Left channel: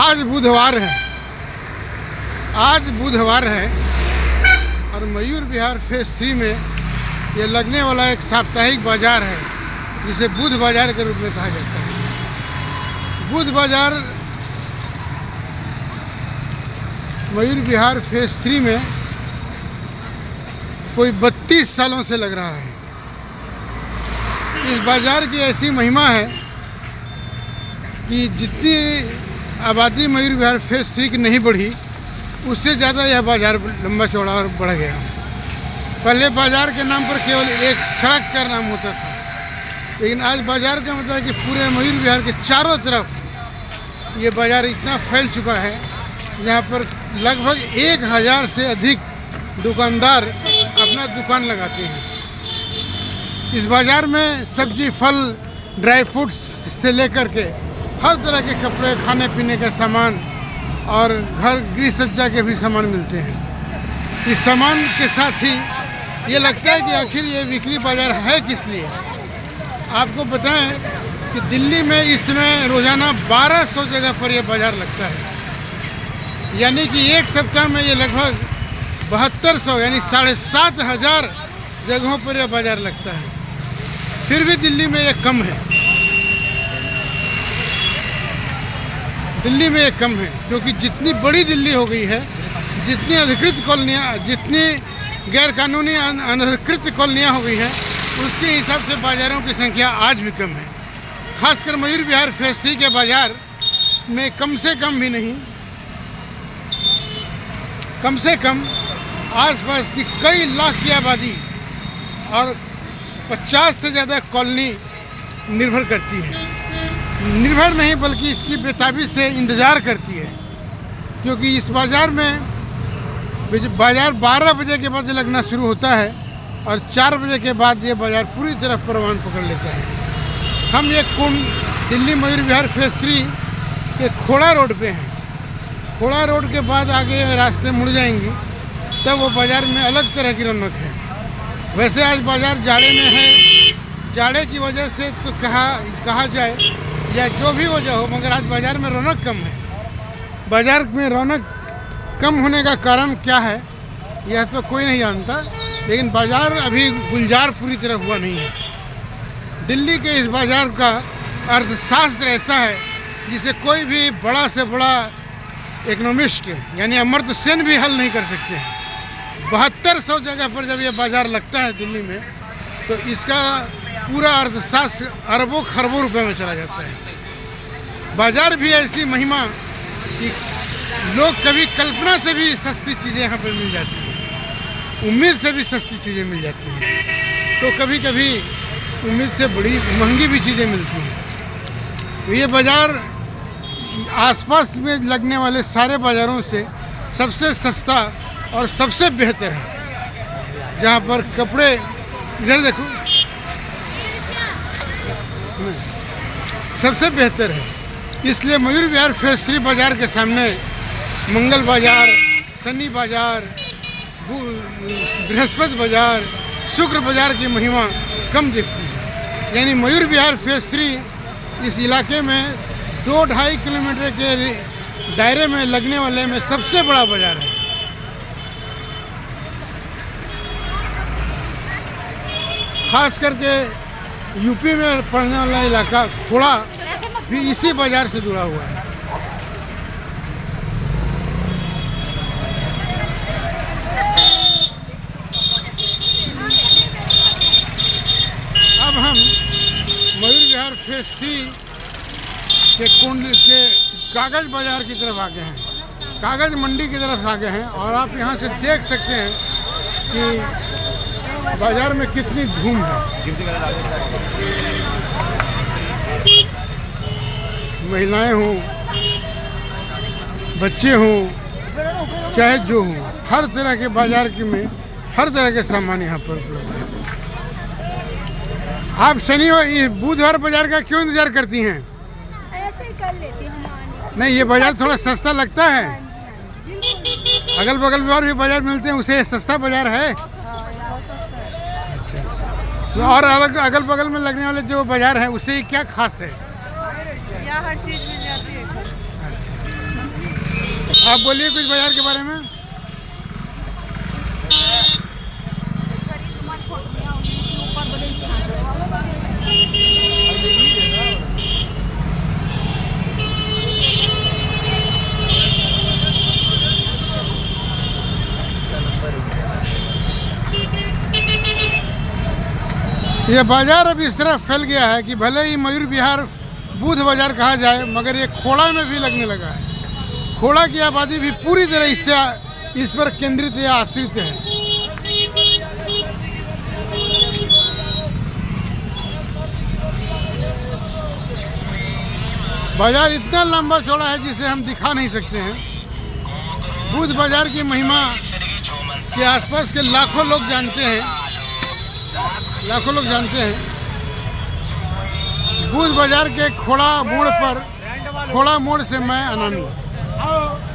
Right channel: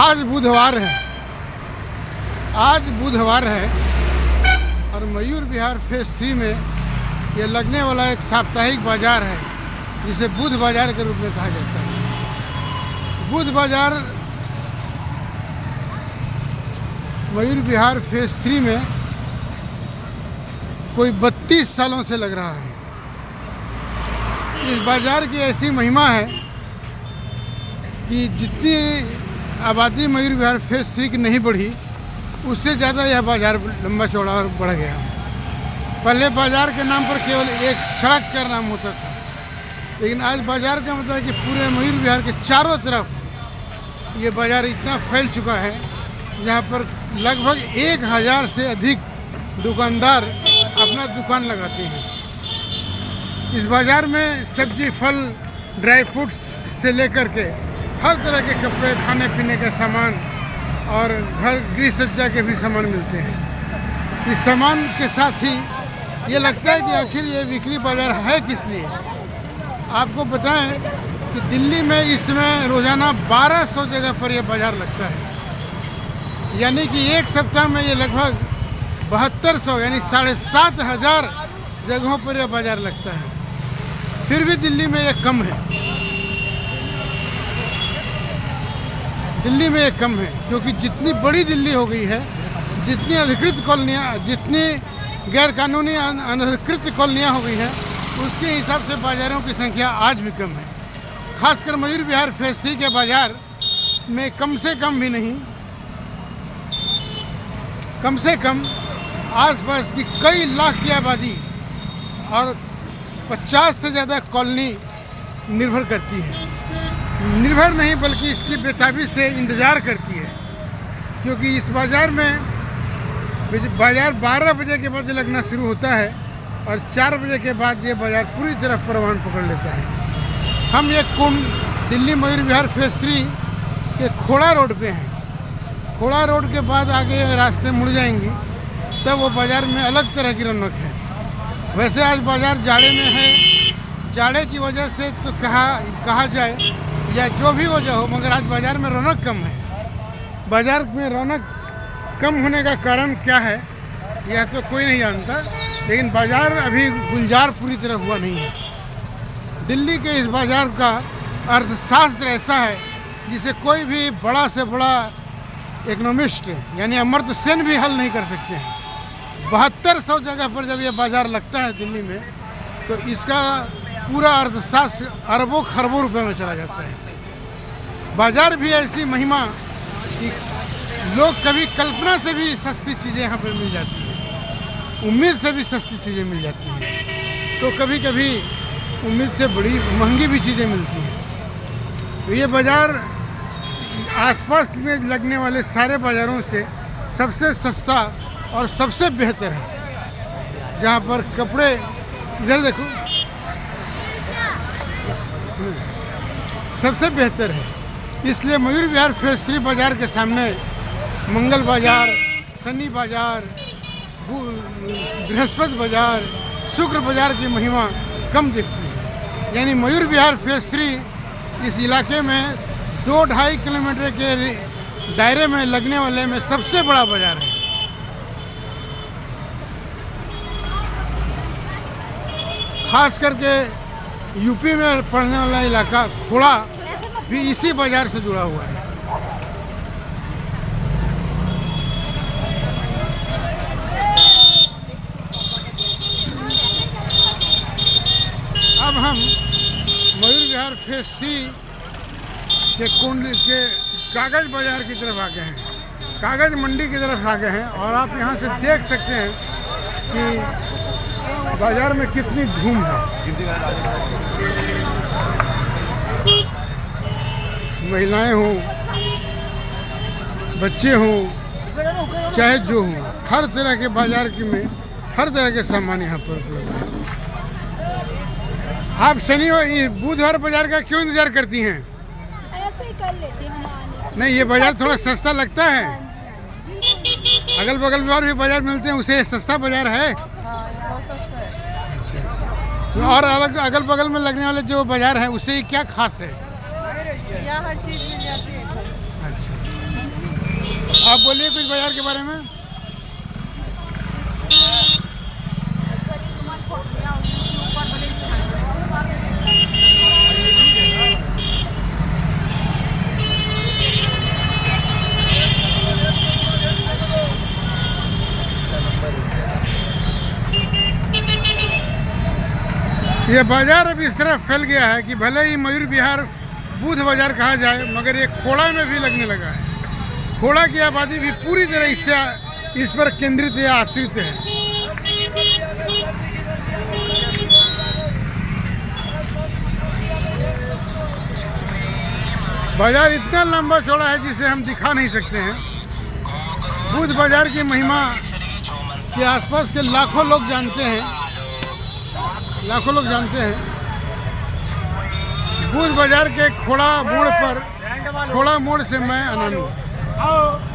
आज बुधवार है और मयूर विहार फेज 3 में ये लगने वाला एक साप्ताहिक बाजार है जिसे बुध बाजार के रूप में कहा जाता है। बुध बाजार मयूर विहार फेज 3 में कोई 32 सालों से लग रहा है। इस बाजार की ऐसी महिमा है कि जितनी आबादी मयूर विहार फेज 3 की नहीं बढ़ी, उससे ज़्यादा यह बाजार लंबा चौड़ा और बढ़ गया। पहले बाजार के नाम पर केवल एक सड़क का नाम होता था, लेकिन आज बाजार का मतलब है कि पूरे मयूर विहार के चारों तरफ ये बाजार इतना फैल चुका है, जहाँ पर लगभग 1000 से अधिक दुकानदार अपना दुकान लगाते हैं। इस बाजार में सब्जी, फल, ड्राई फ्रूट्स से लेकर के हर तरह के कपड़े, खाने पीने का सामान और घर गृह सज्जा के भी सामान मिलते हैं। इस सामान के साथ ही ये लगता है कि आखिर ये वीकली बाजार है किस लिए। आपको बताएं कि दिल्ली में इसमें रोज़ाना 1200 जगह पर यह बाजार लगता है, यानी कि एक सप्ताह में ये लगभग 7200 यानी 7500 जगहों पर यह बाजार लगता है। फिर भी दिल्ली में ये कम है। दिल्ली में ये कम है क्योंकि जितनी बड़ी दिल्ली हो गई है, जितनी अधिकृत कॉलोनियाँ, जितनी गैर कानूनी अनधिकृत कॉलोनियाँ हो गई हैं, उसके हिसाब से बाज़ारों की संख्या आज भी कम है। खासकर मयूर विहार फेज 3 के बाज़ार में कम से कम भी नहीं, कम से कम आसपास की कई लाख की आबादी और 50 से ज़्यादा कॉलोनी निर्भर करती है। निर्भर नहीं बल्कि इसकी बेताबी से इंतज़ार करती है, क्योंकि इस बाज़ार में बाज़ार 12 बजे के बाद लगना शुरू होता है और 4 बजे के बाद ये बाज़ार पूरी तरह परवान पकड़ लेता है। हम ये दिल्ली मयूर विहार फेज 3 के खोड़ा रोड पे हैं। खोड़ा रोड के बाद आगे रास्ते मुड़ जाएंगी तब वो बाज़ार में अलग तरह की रौनक है। वैसे आज बाज़ार जाड़े में है, जाड़े की वजह से तो कहा जाए या जो भी वजह हो, मगर आज बाज़ार में रौनक कम है। बाज़ार में रौनक कम होने का कारण क्या है यह तो कोई नहीं जानता, लेकिन बाज़ार अभी गुलजार पूरी तरह हुआ नहीं है। दिल्ली के इस बाज़ार का अर्थशास्त्र ऐसा है जिसे कोई भी बड़ा से बड़ा इकोनॉमिस्ट यानी अमर्त्य सेन भी हल नहीं कर सकते हैं। 7200 जगह पर जब यह बाज़ार लगता है दिल्ली में, तो इसका पूरा अर्थशास्त्र अरबों खरबों रुपए में चला जाता है। बाज़ार भी ऐसी महिमा कि लोग कभी कल्पना से भी सस्ती चीज़ें यहाँ पर मिल जाती हैं, उम्मीद से भी सस्ती चीज़ें मिल जाती हैं, तो कभी कभी उम्मीद से बड़ी महंगी भी चीज़ें मिलती हैं। तो ये बाज़ार आसपास में लगने वाले सारे बाज़ारों से सबसे सस्ता और सबसे बेहतर है। जहाँ पर कपड़े, इधर देखो, सबसे बेहतर है। इसलिए मयूर विहार फेज 3 बाज़ार के सामने मंगल बाज़ार, शनि बाज़ार, बृहस्पति बाज़ार, शुक्र बाज़ार की महिमा कम दिखती है। यानी मयूर विहार फेज 3 इस इलाके में 2-2.5 किलोमीटर के दायरे में लगने वाले में सबसे बड़ा बाज़ार है। खास करके यूपी में पड़ने वाला इलाका खोड़ा भी इसी बाज़ार से जुड़ा हुआ है। अब हम मयूर विहार फेज 3 के कागज़ बाज़ार की तरफ आ गए हैं, कागज़ मंडी की तरफ आ गए हैं, और आप यहाँ से देख सकते हैं कि बाज़ार में कितनी धूम है। महिलाएं हों, बच्चे हों, चाहे जो हों, हर तरह के बाज़ार में हर तरह के सामान यहाँ पर उपलब्ध है। आप शनिवार बुधवार बाज़ार का क्यों इंतज़ार करती हैं? ऐसे ही कर लेती हूँ हम। नहीं, ये बाज़ार थोड़ा सस्ता लगता है। अगल बगल में और भी बाज़ार मिलते हैं, उसे सस्ता बाज़ार है। हाँ, ये बहुत सस्ता है। अच्छा, और अगल बगल में लगने वाले जो बाज़ार है उससे क्या खास है? यहाँ हर चीज़ मिल जाती है। अच्छा, आप बोलिए कुछ बाजार के बारे में। ये बाजार अब इस तरह फैल गया है कि भले ही मयूर विहार बुध बाजार कहा जाए, मगर ये खोड़ा में भी लगने लगा है। खोड़ा की आबादी भी पूरी तरह इस पर केंद्रित या आश्रित है। बाजार इतना लंबा चौड़ा है जिसे हम दिखा नहीं सकते हैं। बुध बाजार की महिमा के आसपास के लाखों लोग जानते हैं, लाखों लोग जानते हैं। बुध बाजार के खोड़ा मोड़ से मैं अनामी।